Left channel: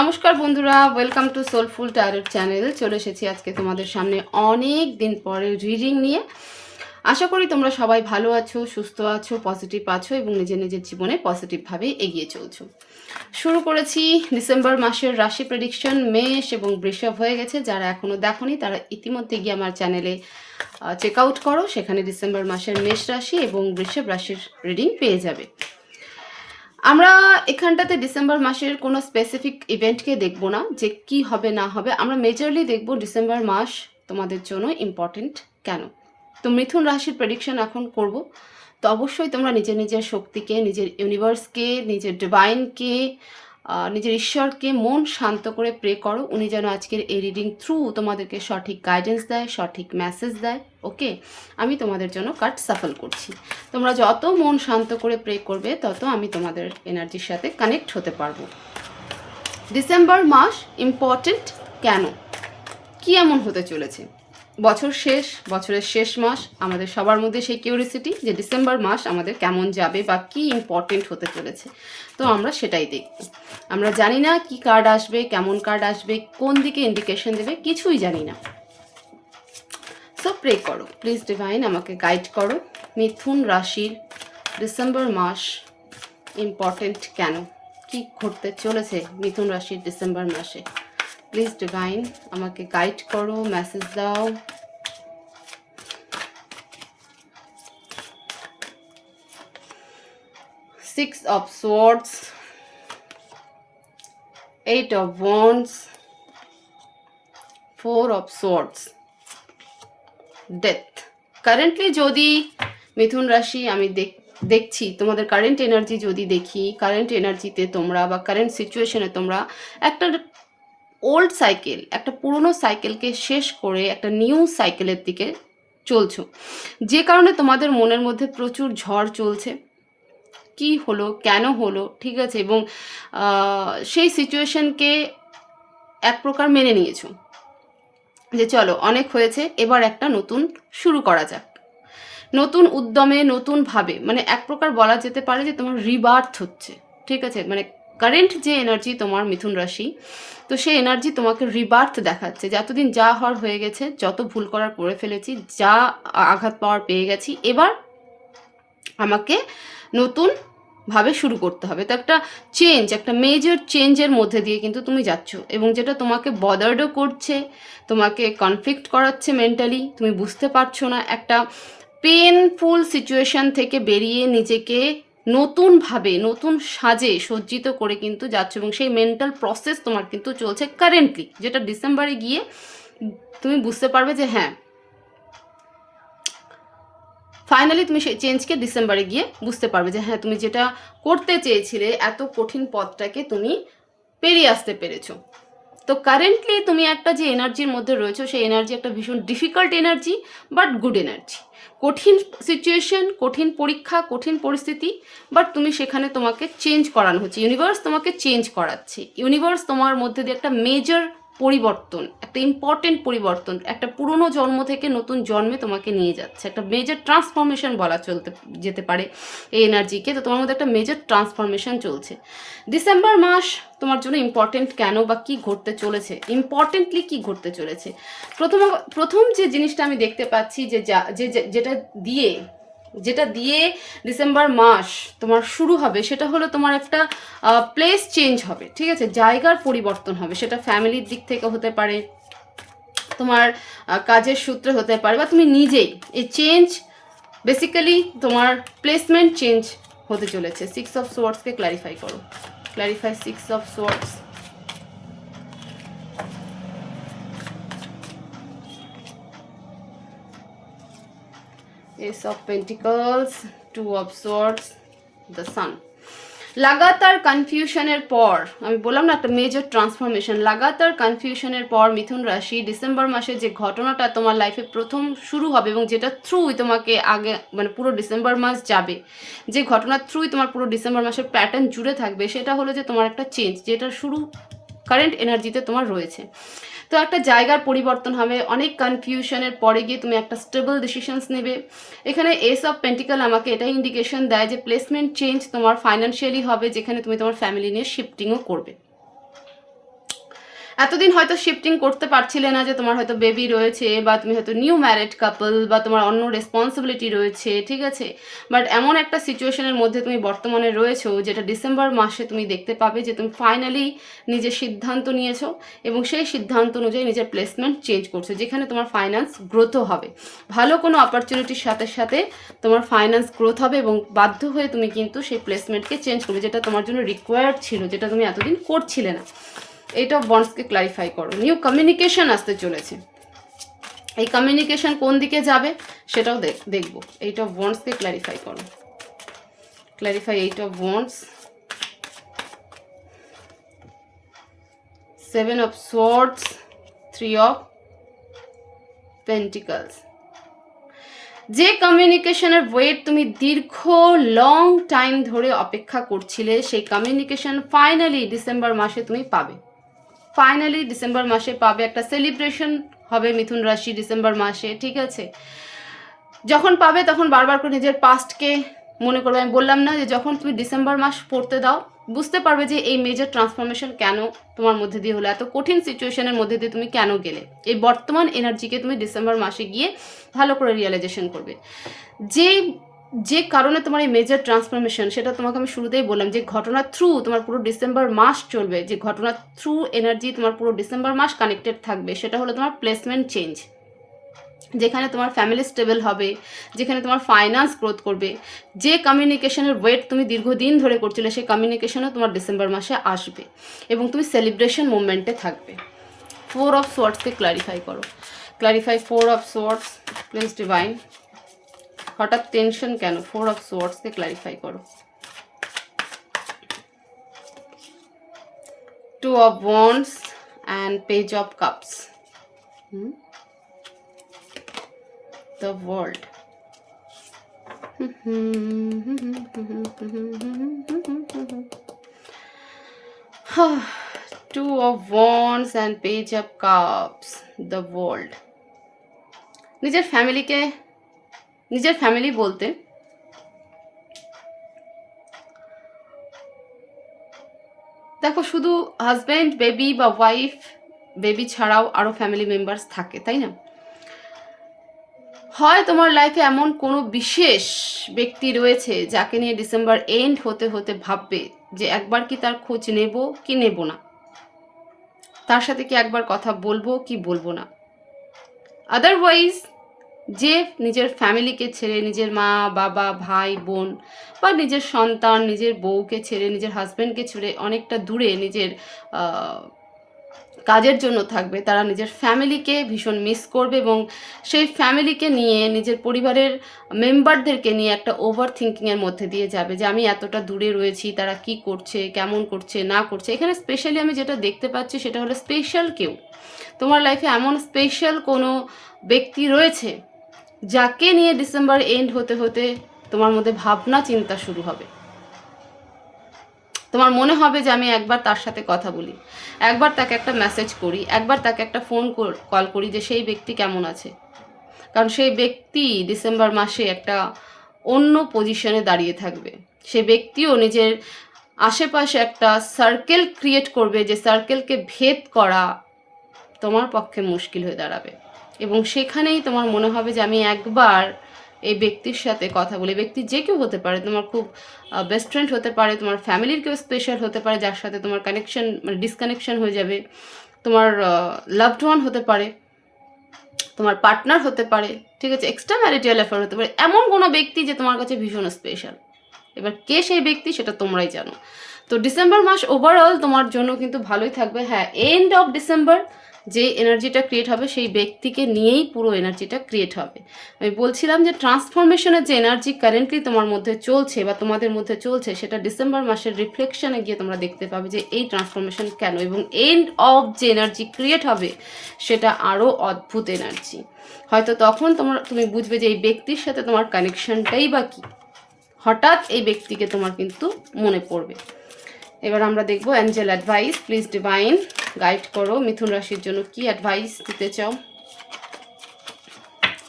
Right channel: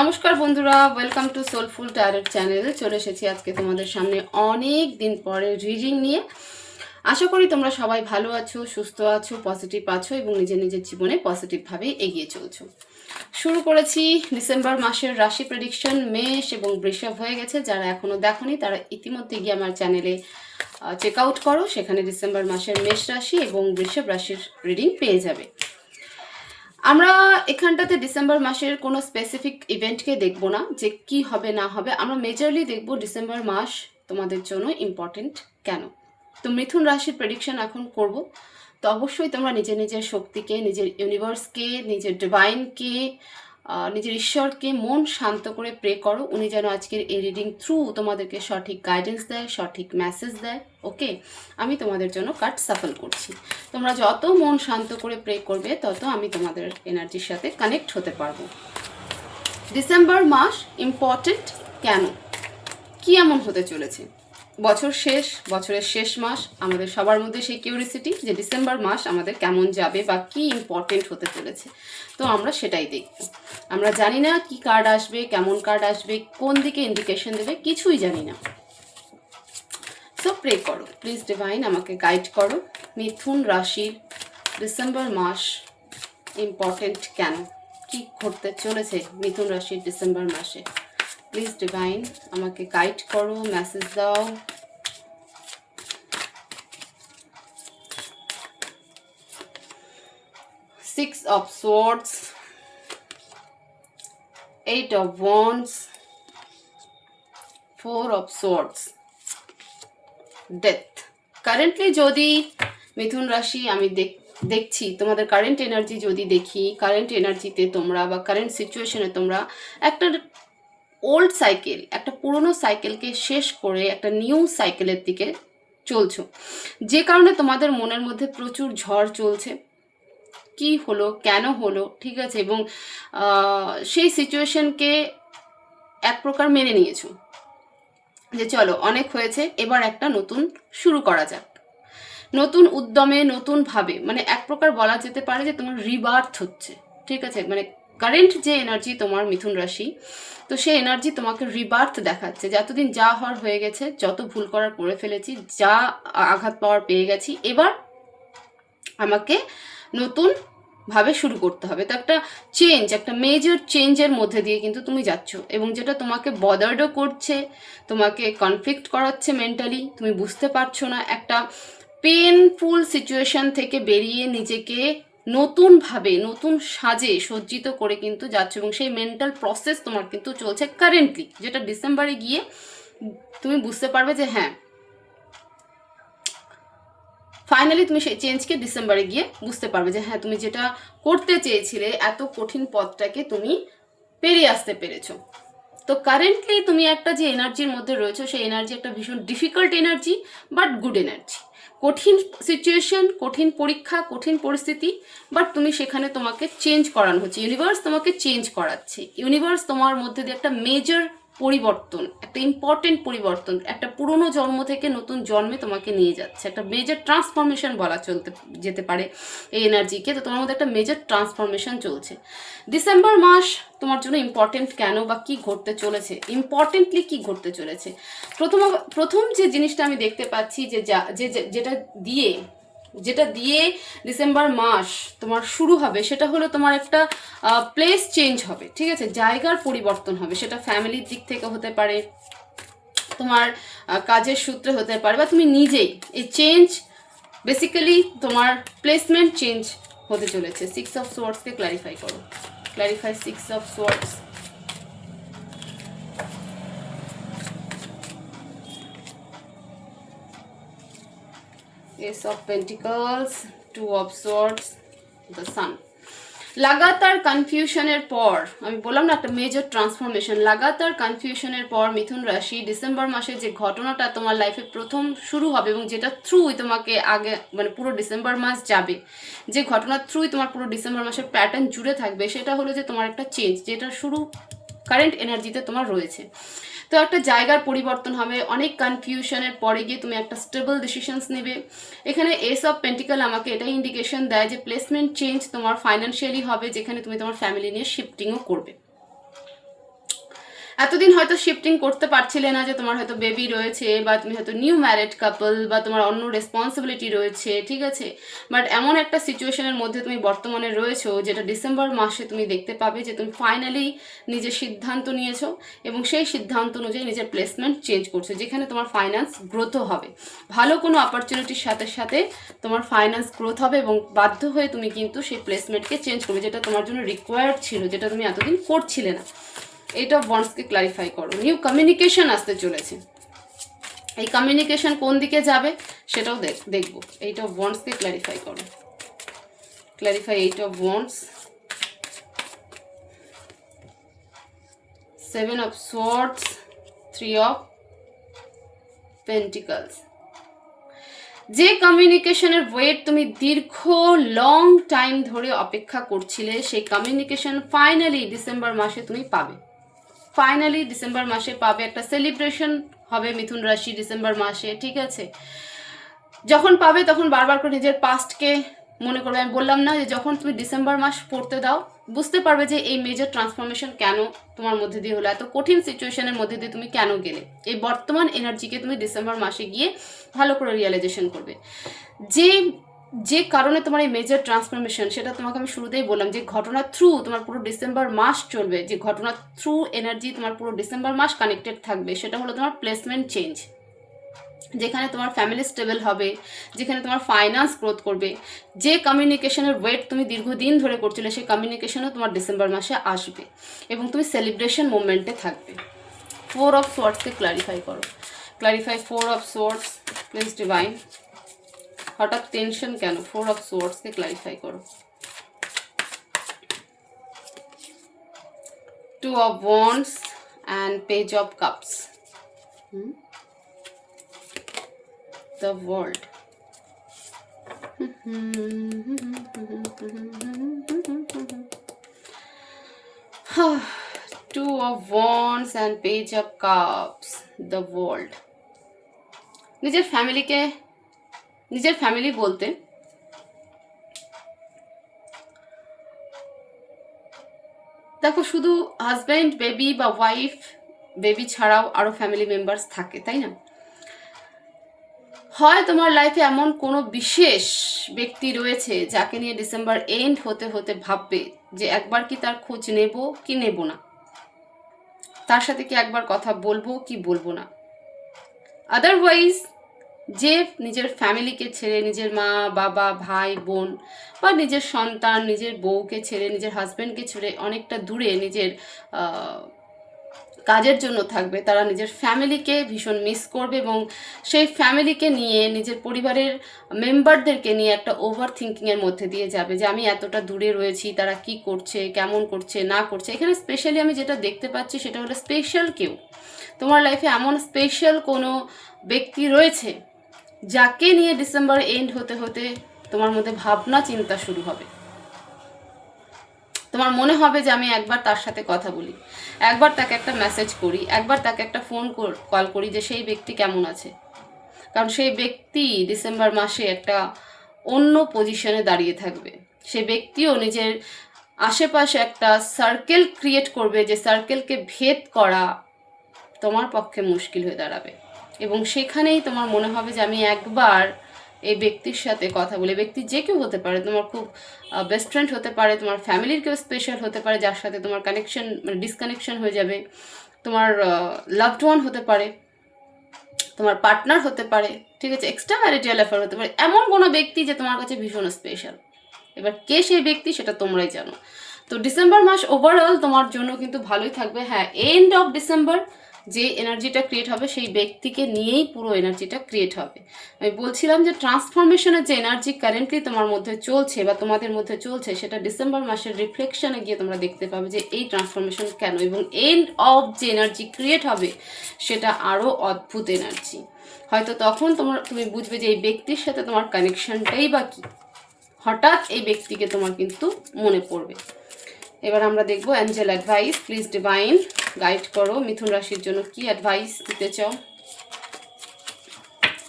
নমস্কার বন্ধুরা, welcome to soulful tarot channel. চলে এসেছি আজকে তোমাদের সামনে অনেক দিন পরে রিডিং নিয়ে। আশা করি তোমরা সবাই ভালো আছো, সুস্থ আছো, পজিটিভ আছো এবং নিজের নিজের জীবনে পজিটিভভাবে এগিয়ে চলছো। শুরু করেছি ডিসেম্বর মাসের রাশি প্রেডিকশন। মেষ এবং বৃষভ হয়ে গেছে। যারা এখনও দেখোনি তারা ইতিমধ্যে গিয়ে আমার চ্যানেলে চেক আউট করো, সেখানে ডিসেম্বর মাসের মেষ রাশি এবং বৃষভ রাশির রিডিং পেয়ে যাবে। আমরা এখানটাতে ডিসেম্বর মাসের কোনো স্পেসিফিক ইভেন্টকে দেখব না যে কি হবে না হবে। আমরা মেজরলি দেখব ডিসেম্বর মাস তোমাদের জন্য ইম্পর্টেন্ট কেন। তো মিথুন রাশির প্রেডিকশন এখন করব। তো অবশ্যই তোমরা নিজের নিজের শক্তিকে, নিজের ইউনিভার্সকে, নিজের ডিভাইনকে, নিজের ঈশ্বরকে মন শান্ত করে প্রে করো। উনি যেন আজকের এই রিডিং থ্রু তোমাদেরকে সঠিক গাইডেন্স দেয়, সঠিক মেসেজ দেয়। ওকে, আমি তোমাদের জন্য কার্ড সাফল করছি। তোমরা যত মন শান্ত করে প্রে করবে তত আমি তোমাদের এনার্জির সাথে কানেক্ট হতে পারবো। ডিসেম্বর মাস ইম্পর্টেন্ট কেন, কি এমন হতে চলেছে? বছর শেষ, বছরের শেষ মাস, আমাদের সবার মধ্যে সেই কিউরিসিটি যে ডিসেম্বর মাস আমাদের কেমন যাবে বা কি ইম্পর্টেন্ট হতে চলেছে। তো আমরা সেটাই দেখব। আমরা জানি না কি কার্ড আসবে, কেমন কার্ড আসবে, কোন দিকে ইন্ডিকেশন দেবে, কিছুই জানি না। সো প্রে করো প্লিজ, ডিভাইন আমাকে গাইড করো। মিথুন রাশির ডিসেম্বর মাস ইম্পর্টেন্ট কেন, কি ঘটতে চলেছে মিথুন রাশির ডিসেম্বর মাসে। প্লিজ ডিভাইন আমাকে গাইড করো, মেসেজ দাও। Six of swords, eight of wands, four of swords, death. Currently যদি মিথুন রাশি আমি দেখছি তোমাদের কারেন্ট এনার্জি যদি দেখি, কারেন্ট এনার্জিতে তোমরা বা কারেন্ট সিচুয়েশনে তোমরা একটা ওল্ড সাইকেল, একটা পুরনো সাইকেলকে শেষ করে একটা নিউ সাইকেলের দিকে চলছো, যে কারণে তোমাদের মনের মধ্যে প্রচুর ঝড় চলছে। কি হলো, কেন হলো, ঠিক আছে, এবং সেই সিচুয়েশনকে এক প্রকার মেনে নিয়েছো যে চলো অনেক হয়েছে, এবার একটা নতুন শুরু করা যাক। নতুন উদ্যমে, নতুনভাবে, মানে এক প্রকার বলা যেতে পারে যে তোমার রিবার্থ হচ্ছে, ঠিক আছে। মানে কারেন্ট যে এনার্জি তোমার মিথুন রাশি, তো সেই এনার্জি তোমাকে রিবার্থ দেখাচ্ছে যে এতদিন যা হওয়ার হয়ে গেছে, যত ভুল করার করে ফেলেছি, যা আঘাত পাওয়ার পেয়ে গেছি, এবার আমাকে নতুন ভাবে শুরু করতে হবে। তো একটা চেঞ্জ, একটা মেজর চেঞ্জের মধ্যে দিয়ে কিন্তু তুমি যাচ্ছ, এবং যেটা তোমাকে বদার্ডও করছে, তোমাকে কনফ্লিক্ট করাচ্ছে মেন্টালি, তুমি বুঝতে পারছো না। একটা পেনফুল সিচুয়েশন থেকে বেরিয়ে নিজেকে নতুনভাবে, নতুন সাজে সজ্জিত করে কিন্তু যাচ্ছ, এবং সেই মেন্টাল প্রসেস তোমার কিন্তু চলছে কারেন্টলি, যেটা ডিসেম্বরে গিয়ে তুমি বুঝতে পারবে যে হ্যাঁ, ফাইনালি তুমি সেই চেঞ্জকে ডিসেম্বরে গিয়ে বুঝতে পারবে যে হ্যাঁ, তুমি যেটা করতে চেয়েছিলে, এত কঠিন পথটাকে তুমি পেরিয়ে আসতে পেরেছো। তো কারেন্টলি তুমি একটা যে এনার্জির মধ্যে রয়েছো, সেই এনার্জি একটা ভীষণ difficult energy, but good energy. কঠিন সিচুয়েশন, কঠিন পরীক্ষা, কঠিন পরিস্থিতি, বাট তুমি সেখানে, তোমাকে চেঞ্জ করানো হচ্ছে, ইউনিভার্স তোমাকে চেঞ্জ করাচ্ছে। ইউনিভার্স তোমার মধ্যে দিয়ে একটা মেজর পরিবর্তন, একটা ইম্পর্টেন্ট পরিবর্তন, একটা পুরনো জন্ম থেকে নতুন জন্মে তোমাকে নিয়ে যাচ্ছে। একটা মেজর ট্রান্সফরমেশন বলা যেতে পারে এই এনার্জিকে। তো তোমার মধ্যে একটা মেজর ট্রান্সফরমেশন চলছে। ডিসেম্বর মাস তোমার জন্য ইম্পর্টেন্ট কেন বা কি ঘটতে চলেছে, ইম্পর্টেন্টলি কি ঘটতে চলেছে। প্রথম যে জিনিসটা আমি দেখতে পাচ্ছি যে যেটা দিয়ে ডিসেম্বর মাস তোমার শুরু হবে, সেটা হলো তোমার একটা প্লেস চেঞ্জ হবে, ঠিক আছে, জায়গার পরিবর্তন হবে। সেটা ফ্যামিলির দিক থেকে হতে পারে, তোমার কাজের সূত্রে হতে পারে, বা তুমি নিজেই এই চেঞ্জ, বেসিক্যালি তোমার প্লেসমেন্ট চেঞ্জ হতে চলেছে। সিক্স অফ সোর্ডসকে ক্ল্যারিফাই করো, clarify six of swords. Ace of Pentacles, Two of Swords, the Sun. লাগাতার কনফিউশনের পর, আমি বললাম না একটা মেজর ট্রান্সফরমেশন, লাগাতার কনফিউশনের পর মিথুন রাশি ডিসেম্বর মাসে যে ঘটনাটা তোমার লাইফে প্রথম শুরু হবে, এবং যেটা থ্রুই তোমাকে আগে, মানে পুরো ডিসেম্বর মাস যাবে, যে ঘটনার থ্রুই তোমার পুরো ডিসেম্বর মাসের প্যাটার্ন জুড়ে থাকবে, সেটা হলো যে তোমার একটা চেঞ্জ, যেটা শুরু কারেন্ট এনার্জিতে তোমার রয়েছে। তো একটা জায়গার পরিবর্তন হবে, অনেক কনফিউশনের পরে গিয়ে তুমি একটা স্টেবল ডিসিশনস নেবে। এখানে এস অফ পেন্টিকল আমাকে এটাই ইন্ডিকেশন দেয় যে প্লেসমেন্ট চেঞ্জ তোমার ফাইন্যান্সিয়ালি হবে, যেখানে তুমি তোমার ফ্যামিলি নিয়ে শিফটিংও করবে। এতদিন হয়তো শিফটিং করতে পারছিলে না, যে তোমার হয়তো বেবি রয়েছে, বা তুমি হয়তো নিউ ম্যারিড কাপল, বা তোমার অন্য রেসপন্সিবিলিটি রয়েছে, ঠিক আছে। বাট এমন একটা সিচুয়েশনের মধ্যে তুমি বর্তমানে রয়েছো, যেটা ডিসেম্বর মাসে তুমি দেখতে পাবে যে তুমি ফাইনালি নিজের সিদ্ধান্ত নিয়েছো, এবং সেই সিদ্ধান্ত অনুযায়ী নিজের প্লেসমেন্ট চেঞ্জ করছো, যেখানে তোমার ফাইন্যান্স গ্রোথও হবে। ভালো কোনো অপরচুনিটির সাথে সাথে তোমার ফাইন্যান্স গ্রোথ হবে, এবং বাধ্য হয়ে তুমি কিন্তু সেই প্লেসমেন্টকে চেঞ্জ করবে, যেটা তোমার জন্য রিকোয়ার্ড ছিল, যেটা তুমি এতদিন করছিলে না। এইটা ওয়ান্সকে ক্লারিফাই করো। নিউ কমিউনিকেশন আসতে চলেছে। এই কমিউনিকেশন কোন দিকে যাবে সেটাও দেখবো। এইটা ওয়ান্সকে ক্লারিফাই করো। Clarify eight of wands, 7 of swords, 3 of pentacles। যে কমিউনিকেশনের ওয়েট তুমি দীর্ঘ লং টাইম ধরে অপেক্ষা করছিলে, সেই কমিউনিকেশন ফাইনালি ডিসেম্বর মাসে তুমি পাবে। ফাইনালি ডিসেম্বর মাসে পাবে। একটা সেলিব্রেশন হবে মিথুন রাশি ডিসেম্বর মাসে, ঠিক আছে। যখন পাবে তখন বারবার করে নিজের পাস্টকে মনে করবে। আমি বললাম না যে যখন তুমি ডিসেম্বর মাস পড়তে দাও, বুঝতে পারবে যে এই মেজর ট্রান্সফরমেশন কেন তোমার মধ্যে দিয়ে হলো, এত কঠিন সিচুয়েশনের মধ্যে দিয়ে তুমি কেন গেলে। এই বর্তমান এনার্জিকে তুমি ডিসেম্বর মাসে গিয়ে ভালো করে রিয়েলাইজেশন করবে। যে কারণে তোমার এই মেজর ট্রান্সফরমেশন, সেটা তোমাকে আমি শুরুতেই বললাম, যে ঘটনার থ্রু তোমার পুরো ডিসেম্বর মাস চলবে, যে ঘটনার থ্রু এনার্জি তোমার পুরো ডিসেম্বর মাস কানেক্টেড থাকবে, সেটা হলো তোমার প্লেসমেন্ট চেঞ্জ, যেখানে তোমার ফ্যামিলি স্টেবল হবে, যেখানে তোমার ফাইন্যান্স গ্রোথ করবে। যে কমিউনিকেশনের ওয়েট তুমি দীর্ঘদিন ধরে করছিলে, সেই কমিউনিকেশনও তোমার ডিসেম্বর মাসে আসবে, এবং তুমি সেলিব্রেশন মুভমেন্টে থাকবে। 4 of Swordsকে ক্লারিফাই করো। Clarify 4 of Swords, please divine. হঠাৎ টেনশন কেন? 4 of Swordsকে ক্লারিফাই করো। 2 of Wands and Page of Cups, the World। 2 of Wands and Page of Cups, the World। নিজের ফ্যামিলি বলতে দেখো, শুধু হাজব্যান্ড, বেবি বা ওয়াইফ, বেবি ছাড়াও আরও ফ্যামিলি মেম্বার্স থাকে, তাই না? হয় তোমার লাইফে এমন কোনো বিশেষ ব্যক্তি রয়েছে যাকে নিয়ে ডিসেম্বর এন্ড হতে হতে ভাববে যে একবার কি তার খোঁজ নেব কি নেব না, তার সাথে কি একবার কথা বলবো কি বলবো না। আদারওয়াইজ যে নিজের ফ্যামিলিকে ছেড়ে, নিজের মা বাবা ভাই বোন বা নিজের সন্তান, নিজের বউকে ছেড়ে, নিজের হাজব্যান্ডকে ছেড়ে অনেকটা দূরে নিজের কাজের জন্য থাকবে, তারা নিজের ফ্যামিলিকে ভীষণ মিস করবে, এবং সেই ফ্যামিলিকে নিয়ে, নিজের পরিবারের মেম্বারদেরকে নিয়ে একটা ওভার থিঙ্কিংয়ের মধ্যে দিয়ে যাবে, যে আমি এতটা দূরে রয়েছি, তারা কি করছে, কেমন করছে না করছে। এখানে স্পেশালি আমি যেটা দেখতে পাচ্ছি সেটা হলো স্পেশাল কেউ তোমার লাইফে, এমন স্পেশাল কোনো ব্যক্তি রয়েছে যাকে নিয়ে ডিসেম্বর এন্ড হতে হতে তোমার মধ্যে ভাবনা চিন্তা শুরু হবে। তোমার মনে হবে যে আমি একবার তার সাথে কথা বলি, একবার তাকে একটা মেসেজ করি, একবার তাকে একটা ফোন কল করি, যে সেই ব্যক্তি কেমন আছে। কারণ সেই ব্যক্তি ডিসেম্বর মাসে একটা অন্য পজিশনে দাঁড়িয়ে থাকবে। সে ব্যক্তিও নিজের আশেপাশে একটা সার্কেল ক্রিয়েট করবে, যে সার্কেলকে ভেদ করা তোমার পক্ষে মুশকিল হয়ে দাঁড়াবে, এবং সেখানেই তোমার মনে হবে যে আমি একবার এই ব্যক্তির সাথে কথা বলি। ব্যক্তি যে কেউ হতে পারে, তোমার খুব বেস্ট ফ্রেন্ড হতে পারে, তোমার ফ্যামিলির কেউ স্পেশাল হতে পারে, যার সাথে তোমার কানেকশন মানে ডিসকানেকশন হয়ে যাবে, তোমার লাভড ওয়ান হতে পারে, তোমার পার্টনার হতে পারে, ঠিক আছে, এক্সট্রা ম্যারিটাল অ্যাফেয়ার হতে পারে, এমন কোনো ব্যক্তি যে তোমার কাছে ভীষণ স্পেশাল। এবার কে সেই ব্যক্তি সেটা তোমরাই জানো। তো ডিসেম্বর মাস ওভারঅল তোমার জন্য কিন্তু ভালোই থাকবে। হ্যাঁ, এন্ড অফ ডিসেম্বর যে এনার্জিটা ক্রিয়েট হবে সেই ব্যক্তিকে নিয়েই পুরো এনার্জিটা ক্রিয়েট হবে। আমি বলছিলাম যে ট্রান্সফরমেশনের যে এনার্জি কারেন্টলি তোমার মধ্যে চলছে বা তোমাদের মধ্যে চলছে, সেটা ডিসেম্বর মাসের রিফ্লেকশনে গিয়ে তোমরা দেখতে পাবে যে এই ট্রান্সফরমেশন কেন, এবং এন্ড অফ যে এনার্জি ক্রিয়েট হবে সেটা আরও অদ্ভুত এনার্জি। হয়তো তখন তুমি বুঝবে যে এই ব্যক্তির সাথে তোমার কানেকশনটাই বা কী, হঠাৎ এই ব্যক্তিকে তোমার কিন্তু মনে পড়বে। এবার আমরা দেখবো Angel advice, please divine guide করো মিথুন রাশির জন্য কি অ্যাডভাইস দিতে চাও।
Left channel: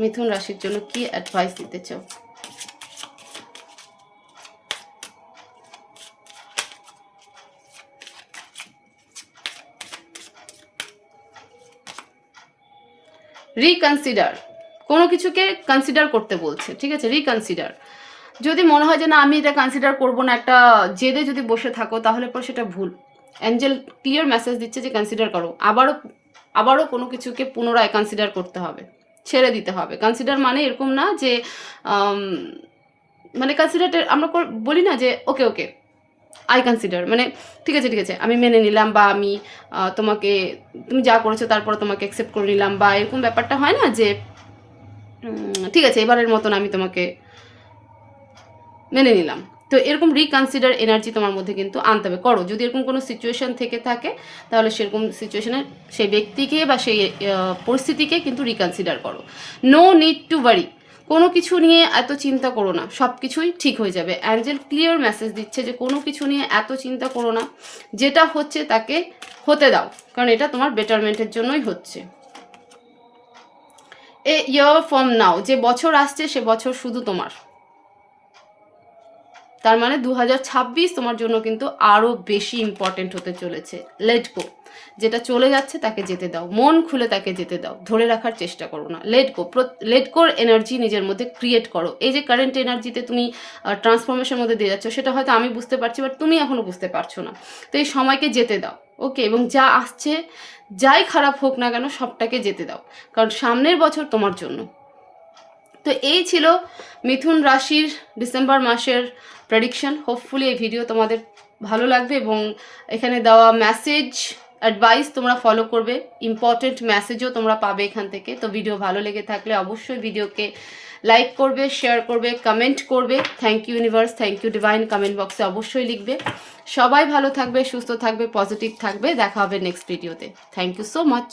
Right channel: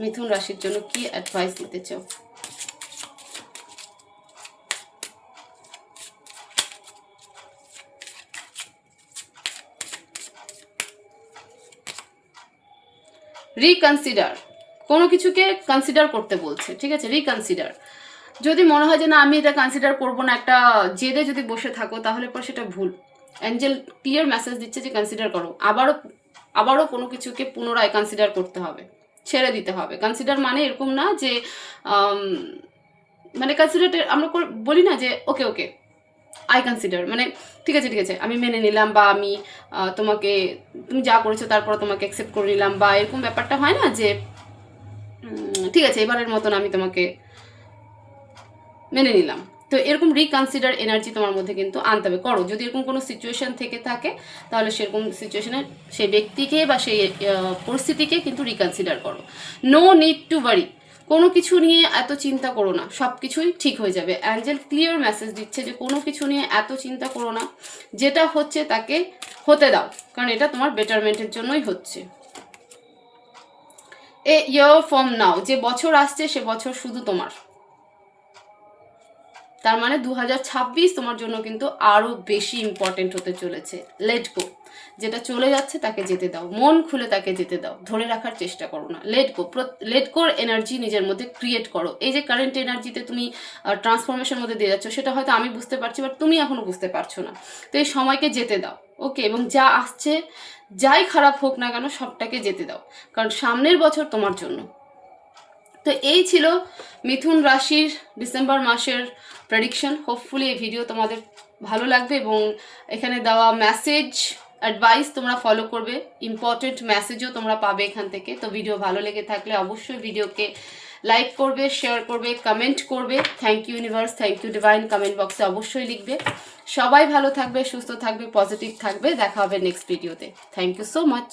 মিথুন রাশির জন্য কি অ্যাডভাইস দিতে চাও। রিকনসিডার, কোনো কিছুকে কনসিডার করতে বলছে, ঠিক আছে? রিকনসিডার। যদি মনে হয় যে না আমি এটা কনসিডার করবো না, একটা জেদে যদি বসে থাকো, তাহলে পর সেটা ভুল। অ্যাঞ্জেল ক্লিয়ার মেসেজ দিচ্ছে যে কনসিডার করো, আবারও কোনো কিছুকে পুনরায় কনসিডার করতে হবে, ছেড়ে দিতে হবে। কনসিডার মানে এরকম না যে মানে কনসিডার আমরা বলি না যে ওকে ওকে আই কনসিডার, মানে ঠিক আছে আমি মেনে নিলাম, বা আমি তুমি যা করেছো তারপরে তোমাকে অ্যাকসেপ্ট করে নিলাম, বা এরকম ব্যাপারটা হয় না যে ঠিক আছে এবারের মতন আমি তোমাকে মেনে নিলাম। তো এরকম রিকনসিডার এনার্জি তোমার মধ্যে কিন্তু আনতে হবে, করো। যদি এরকম কোনো সিচুয়েশন থেকে থাকে, তাহলে সেরকম সিচুয়েশনে সেই ব্যক্তিকে বা সেই পরিস্থিতিকে কিন্তু রিকনসিডার করো। নো নিড টু ওয়ারি, কোনো কিছু নিয়ে এত চিন্তা করো না, সব কিছুই ঠিক হয়ে যাবে। অ্যাঞ্জেল ক্লিয়ার মেসেজ দিচ্ছে যে কোনো কিছু নিয়ে এত চিন্তা করো না, যেটা হচ্ছে তাকে হতে দাও, কারণ এটা তোমার বেটারমেন্টের জন্যই হচ্ছে। এ ইয়ার ফ্রম নাও, যে বছর আসছে সে বছর শুধু তোমার। তার মানে 2026 তোমার জন্য কিন্তু আরও বেশি ইম্পর্টেন্ট হতে চলেছে। লেট গো, যেটা চলে যাচ্ছে তাকে যেতে দাও, মন খুলে তাকে যেতে দাও, ধরে রাখার চেষ্টা করো না। লেট গোর এনার্জি নিজের মধ্যে ক্রিয়েট করো। এই যে কারেন্ট এনার্জিতে তুমি ট্রান্সফরমেশনের মধ্যে দিয়ে যাচ্ছ, সেটা হয়তো আমি বুঝতে পারছি, বাট তুমি এখনো বুঝতে পারছো না। তো এই সময়কে যেতে দাও, ওকে? এবং যা আসছে, যাই খারাপ হোক না কেন, সবটাকে যেতে দাও, কারণ সামনের বছর তোমার জন্য। তো এই ছিল মিথুন রাশির ডিসেম্বর মাসের প্রেডিকশন। হোপফুলি এই ভিডিও তোমাদের ভালো লাগবে এবং এখানে দেওয়া মেসেজ অ্যাডভাইস তোমরা ফলো করবে, ইম্পর্টেন্ট মেসেজও তোমরা পাবে এখান থেকে। তো ভিডিও ভালো লেগে থাকলে অবশ্যই ভিডিওকে লাইক করবে, শেয়ার করবে, কমেন্ট করবে। Thank you universe, thank you divine, comment বক্সে অবশ্যই লিখবে। সবাই ভালো থাকবে, সুস্থ থাকবে, পজিটিভ থাকবে। দেখা হবে নেক্সট ভিডিওতে। Thank you so much.